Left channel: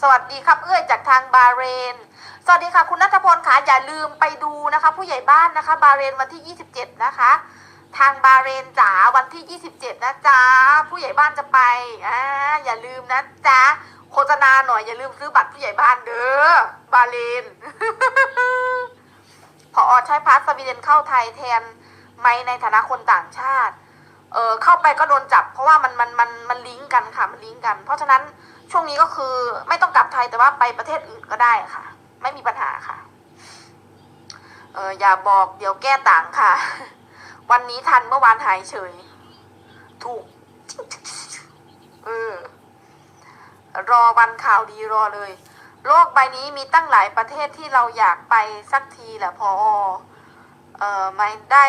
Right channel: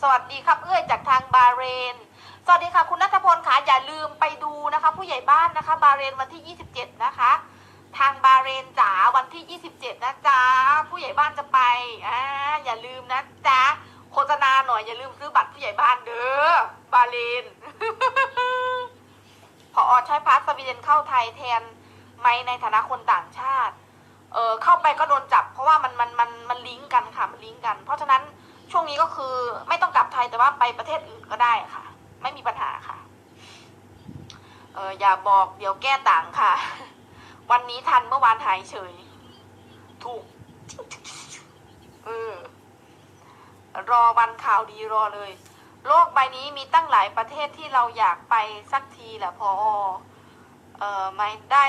สวัสดีครับเอื้อจากทางบาเรน สวัสดีค่ะคุณนัทพลค่ะอย่าลืมไปดูนะคะ ผู้ใหญ่บ้านนะคะ บาเรนวันที่ 27 นะคะ ทางบาเรนจ๋าวันที่ 27 นะจ๊ะผู้ใหญ่บ้านจะไปอ่าอย่าลืมนะจ๊ะโฆษณาหน่อยอย่าลืมซื้อบัตรผู้ใหญ่บ้านเด้อบาเรนพออใช้พาสวีเดนเข้าไทยแทนไหมในฐานะคนต่างชาติ เออเข้าไปก็โดนจับ เพราะว่ามันมันมันมันลิงก์กันค่ะมันลิงก์กัน เพราะฉะนั้นช่วงนี้ก็คือไม่ต้องกลับไทยแต่ว่าไปประเทศอื่นก็ได้ค่ะ ไม่มีปัญหาค่ะเอออย่าบอกเดี๋ยวแก้ต่างค่ะ วันนี้ทันเมื่อวานหายเฉย ถูกเออรอวันข่าวดีรอเลย โลกใบนี้มีตั้งหลายประเทศที่เราอยากไปสักทีแหละพอเออไม่ได้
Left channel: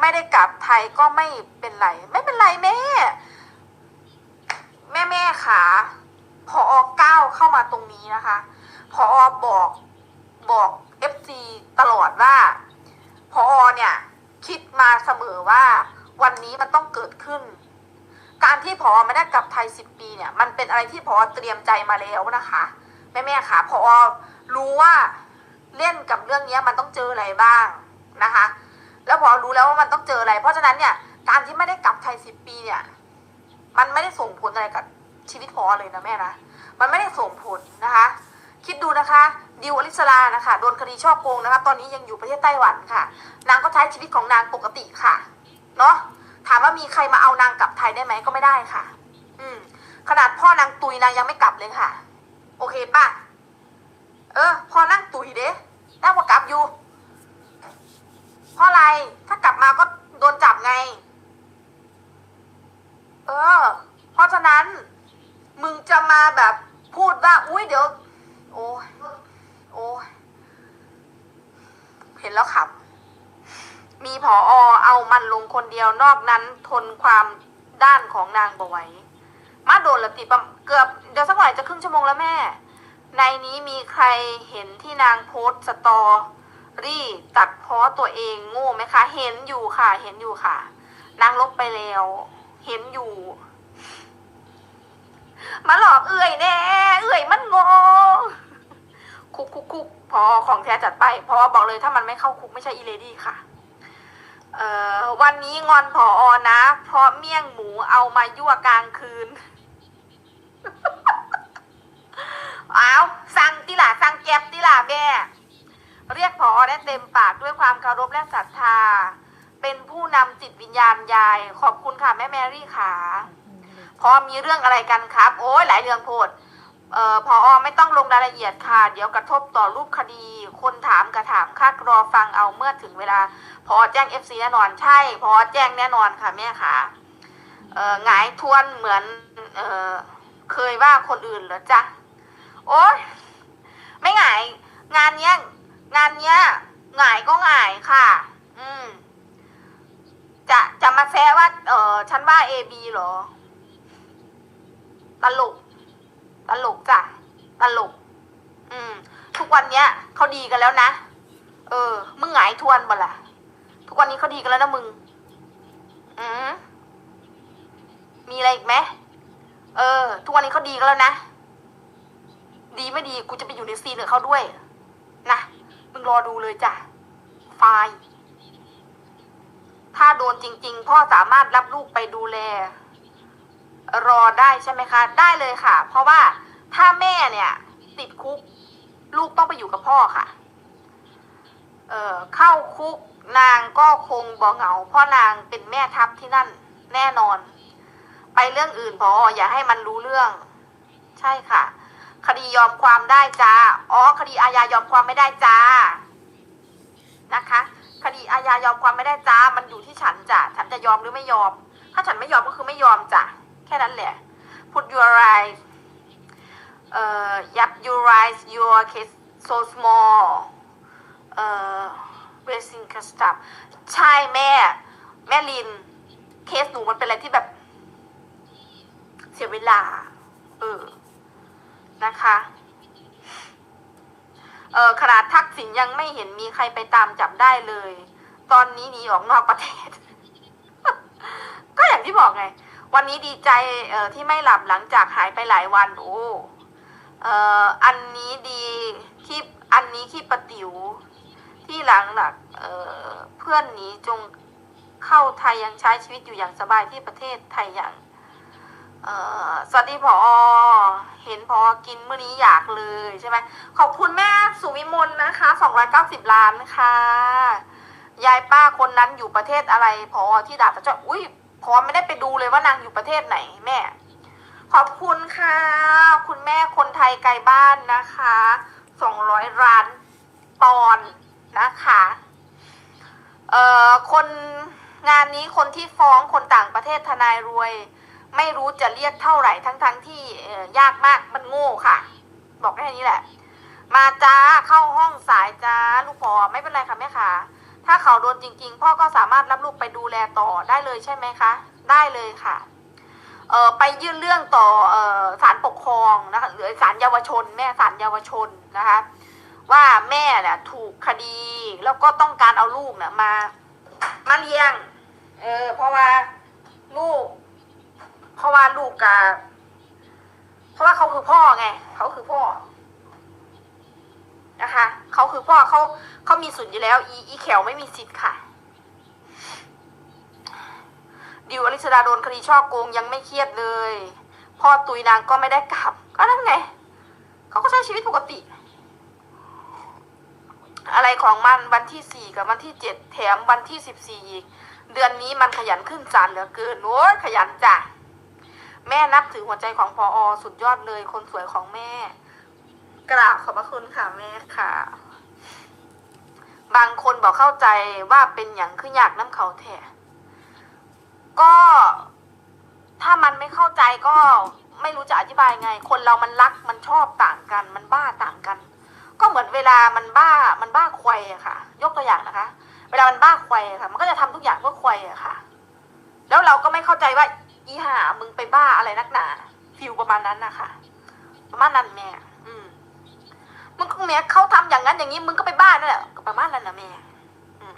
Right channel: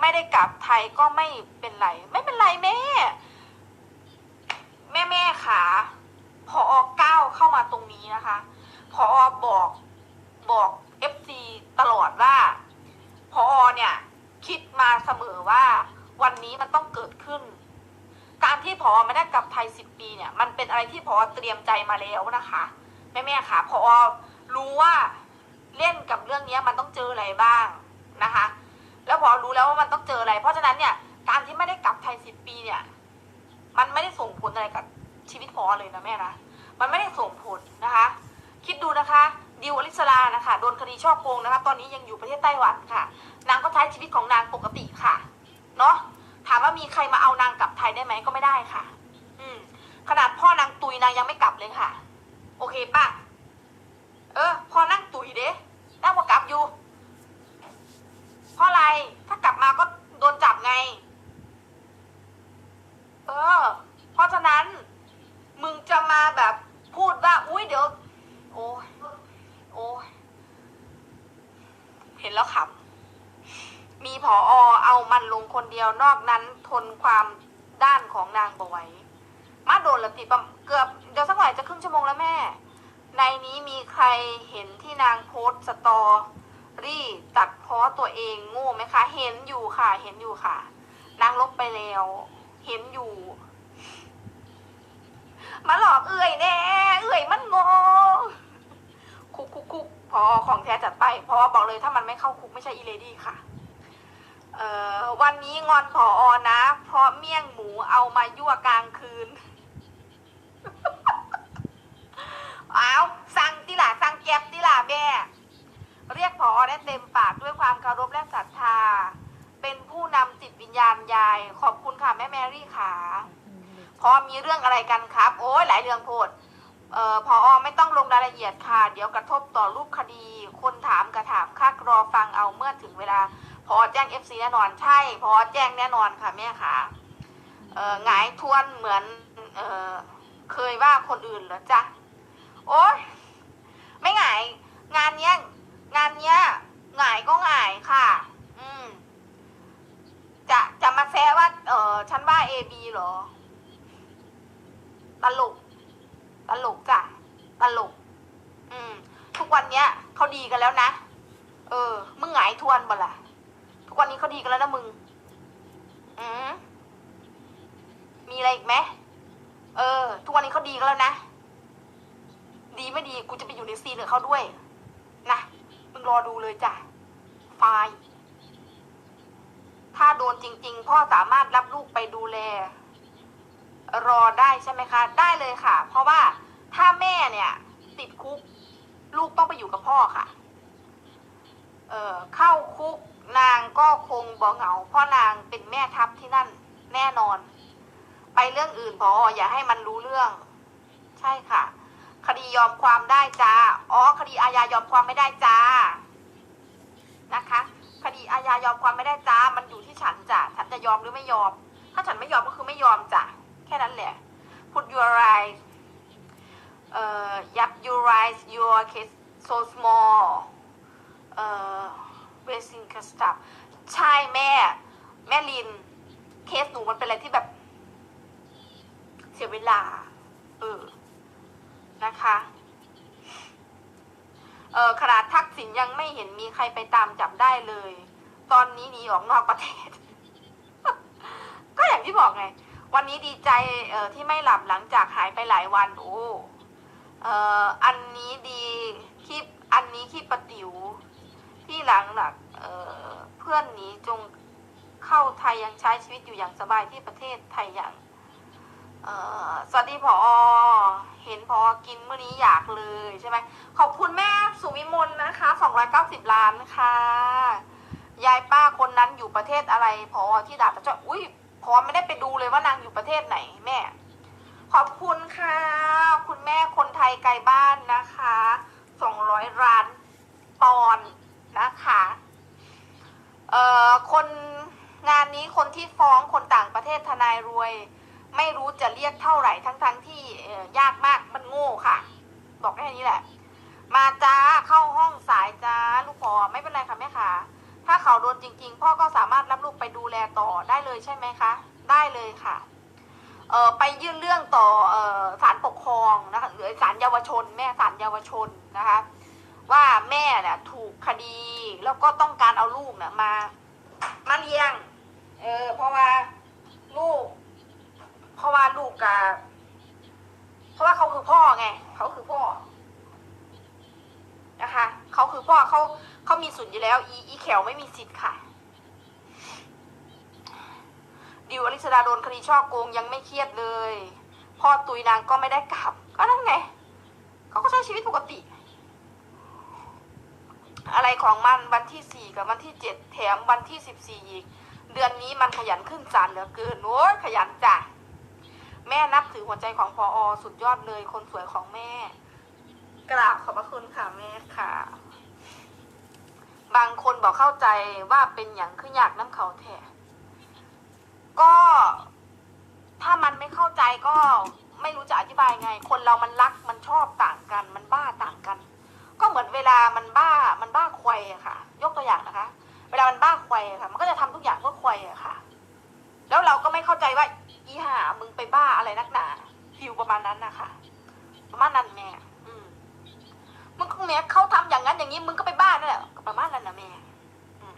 ไม่ได้กลับไทยก็ไม่เป็นไร ไม่เป็นไรแม่ แม่แม่ขาพอก้าวเข้ามาตรงนี้นะคะ พอบอกบอกเอฟซีตลอดว่าพอเนี่ย คิดมาเสมอว่าวันนี้มันต้องเกิดขึ้น การที่พอไม่ได้กลับไทยสิบปีเนี่ย มันเป็นอะไรที่พอเตรียมใจมาแล้วนะคะแม่แม่ค่ะพอรู้ว่าเล่นกับเรื่องนี้มันต้องเจออะไรบ้างนะคะ แล้วพอรู้แล้วว่ามันต้องเจออะไร เพราะฉะนั้นเนี่ยการที่ไม่ได้กลับไทยสิบปีเนี่ย มันไม่ได้ส่งผลอะไรกับชีวิตพอเลยนะแม่นะมันไม่ได้ส่งผลนะคะ คิดดูนะคะดิวอลิสลานะคะโดนคดีช่อโกงนะคะ ตอนนี้ยังอยู่ประเทศไต้หวันค่ะ นางก็ใช้ชีวิตของนางปกติค่ะเนาะถามว่ามีใครมาเอานางกลับไทยได้ไหมก็ไม่ได้ค่ะ อืม ขนาดพ่อนางตุยนางยังไม่กลับเลยค่ะ โอเคป่ะ เออ พอนั่งตุยเด้นั่งว่ากลับอยู่ ราะอะไร ถ้ากลับมาก็โดนจับไง เออ เพราะฉะนั้น มึงจะมาแบบพูดว่า อุ้ยเดี๋ยว โอ้โอ้เห็นแล้วขำมีผออเอามันลงคนเดียวนอกนั้นทนความด้านของนางบไหว้มาโดนละติประเกือบเดี๋ยวสักหน่อยจะครึ่งชั่วโมงแล้วแม่ ในนี้มีใครเห็นที่นางโพสต์สตอ รี่ตัดเพราะตัวเองโง่ไหมคะ เห็นอยู่ค่ะ เห็นอยู่ค่ะ นางลบไปแล้ว เห็นอยู่ มาหลอกเอื่อยแน่ เอื่อยมันโง่คุกคุกคุกพอของแท้จัดไปเพราะว่าบอกเลยถ้ามันไม่เข้าคุกไม่ใช่อีเลดี้ค่ะ เอ่อวันนี้งอนผออนะ เพราะเมี่ยงหมูเอามายั่วกลางคืนอ้าวสั่งติล่ะสั่งแก็บติล่ะแม่ รียกผอได้เต็มปากด้วยความเคารพและศรัทธา เป็นผู้นำจิตวิญญาณยาย ขอบคุณค่ะแม่แมรี่ค่ะพอมีเรื่องอะไรกันครับ โอ้ยหลายเรื่องโพดเอ่อพอไม่ต้องลงรายละเอียดค่ะ เดี๋ยวกระทบต่อรูปคดี คนถามกระถามค่ารอฟังเอาเมื่อถึงเวลา พอแจ้ง FC แน่นอนใช่ พอแจ้งแน่นอนค่ะแม่ค่ะเอ่อหงายทวนเหมือนเอ่อเคยว่าคนอื่นเหรอจ๊ะโอ๊ยไม่หงายงานเนี้ย งานเนี้ยหงายก็หงายค่ะ อืม จะจะมาแซะว่า เออฉันว่า A B เหรอ ตลก ตลกจ้ะ ตลก อืม ทุกวันเนี้ยเขาดีกันแล้วนะ เออ มึงหงายทวนบ่ล่ะ ทุกวันนี้เขาดีกันแล้วนะมึง อืมมีอะไรอีกไหมเออ ทุกวันนี้เขาดีกันแล้วนะ ดีไม่ดีกูจะไปอยู่ในซีนกับเขาด้วย นะ มึงรอดูเลยจ้ะไฟล์ถ้าโดนจริง ๆ พ่อสามารถรับลูกไปดูแล รอได้ใช่ไหมคะ ได้เลยค่ะ เพราะว่าถ้าแม่เนี่ย ติดคุก ลูกต้องไปอยู่กับพ่อค่ะ เออเข้าคุกนางก็คงบ่เหงาเพราะนางเป็นแม่ทัพที่นั่นแน่นอน ไปเรื่องอื่นพออย่าให้มันรู้เรื่อง ใช่ค่ะ คดียอมความได้จ้า อ๋อ คดีอาญายอมความไม่ได้จ้า นะคะ คดีอาญายอมความไม่ได้จ้า มันอยู่ที่ฉันจ้ะ ฉันจะยอมหรือไม่ยอม ถ้าฉันไม่ยอมก็คือไม่ยอมจ้ะ แค่นั้นแหละ put your right เอ่อ yep your right your case so small เอ่อ racing stuff ใช่แม่ แม่ลิน เคสหนูมันเป็นอะไรที่แบบ เสียเวลา เออ นะคะเออขนาดทักษิณยังไม่เห็นมีใครไปตามจับได้เลย ตอนนี้หนีออกนอกประเทศ ก็อย่างที่บอกไง วันนี้ดีใจเออที่ไม่หลับหลังจากหายไปหลายวัน โอ้เอออันนี้ดีที่อันนี้ที่ปะติ๋วที่หลังหลักเออเพื่อนหนีจงเข้าไทยยังใช้ชีวิตอยู่อย่างสบายที่ประเทศไทยอย่าง เอ่อสวัสดีพอเห็นพอกินเมื่อนี้อยากเลยใช่ไหมขอบคุณแม่สุวิมลนะคะ290ล้านค่ะยายป้าคนนั้นอยู่ประเทศอะไรพอที่ด่าตะเจ้าอุ้ยพอไม่ได้ไปดูเลยว่านางอยู่ประเทศไหนแม่ ขอบคุณค่ะ คุณแม่คนไทยไกลบ้านนะคะ200ล้านปอนนะคะเอ่อคนงานนี้คนที่ฟ้องคนต่างประเทศทนายรวย ไม่รู้จะเรียกเท่าไหร่ทั้งๆทที่ยากมากมันโง่ค่ะ บอกแค่นี้แหละ มาจ้าเข้าห้องสายจ้าลูกพ่อไม่เป็นไรค่ะแม่ค่ะถ้าเขาโดนจริง ๆ พ่อก็สามารถรับลูกไปดูแลต่อได้เลยใช่ไหมคะ ได้เลยค่ะเออไปยื่นเรื่องต่อเออศาลปกครองนะคะหรือศาลเยาวชน แม่ศาลเยาวชนนะคะ ว่าแม่เนี่ยถูกคดีแล้วก็ต้องการเอาลูกเนี่ยมามาเลี้ยง เออเพราะว่าลูก เพราะว่าลูกกับเพราะว่าเขาคือพ่อไงเขาคือพ่อ นะคะเขาคือพ่อเขาเขามีสิทธิ์อยู่แล้ว อีอีแขวไม่มีสิทธิ์ค่ะดิวอลิสดาโดนคดีช่อโกงยังไม่เครียดเลย พ่อตุยนางก็ไม่ได้กลับ ก็นั่นไงเขาก็ใช้ชีวิตปกติ อะไรของมันวันที่สี่กับวันที่เจ็ดแถมวันที่สิบสี่อีก เดือนนี้มันขยันขึ้นศาลเหลือเกินโอ้ยขยันจ้ะ แม่นับถือหัวใจของพออสุดยอดเลยคนสวยของแม่ กราบขอบพระคุณค่ะแม่ค่ะ บางคนบอกเข้าใจว่าเป็นอย่างคืออยากน้ำเขาแท้ก็ถ้ามันไม่เข้าใจก็ไม่รู้จะอธิบายไง คนเรามันรักมันชอบต่างกัน มันบ้าต่างกัน ก็เหมือนเวลามันบ้ามันบ้าควายอะค่ะ ยกตัวอย่างนะคะ เวลามันบ้าควายอะค่ะ มันก็จะทำทุกอย่างเพื่อควายอะค่ะ แล้วเราก็ไม่เข้าใจว่า อีห่ามึงไปบ้าอะไรนักหนาฟิลประมาณนั้นนะคะประมาณนั้นแม่ อืมมึงก็แม่เขาทำอย่างนั้นอย่างนี้มึงก็ไปบ้านั่นแหละก็ประมาณนั้นนะแม่อืม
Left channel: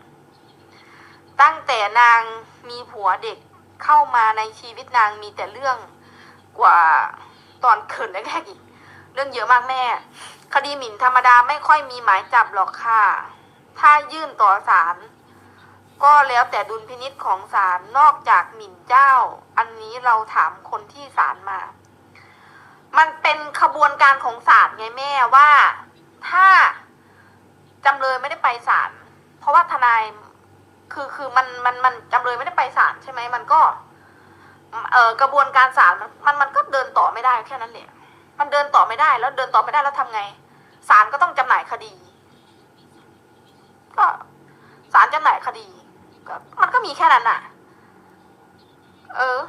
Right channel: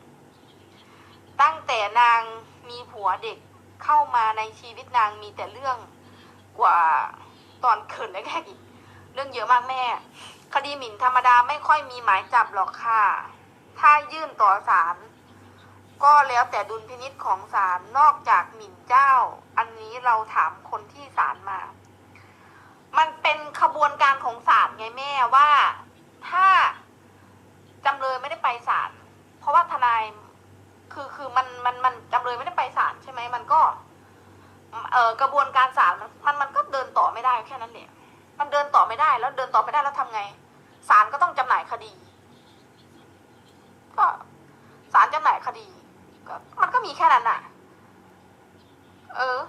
ตั้งแต่นางมีผัวเด็กเข้ามาในชีวิตนางมีแต่เรื่องกว่าตอนเขินแรกๆอีกเรื่องเยอะมากแม่ คดีหมิ่นธรรมดาไม่ค่อยมีหมายจับหรอกค่ะ ถ้ายื่นต่อศาล ก็แล้วแต่ดุลพินิษของศาลนอกจากหมิ่นเจ้า อันนี้เราถามคนที่ศาลมา มันเป็นขบวนการของศาลไงแม่ว่าถ้าจำเลยไม่ได้ไปศาลเพราะว่าทนายคือคือมันมันมันจำเลยไม่ได้ไปศาลใช่ไหมมันก็เอ่อกระบวนการศาลมันมันก็เดินต่อไม่ได้แค่นั้นแหละมันเดินต่อไม่ได้แล้วเดินต่อไม่ได้แล้วทำไงศาลก็ต้องจำหน่ายคดี ก็ศาลจำหน่ายคดี ก็มันก็มีแค่นั้นอะเออ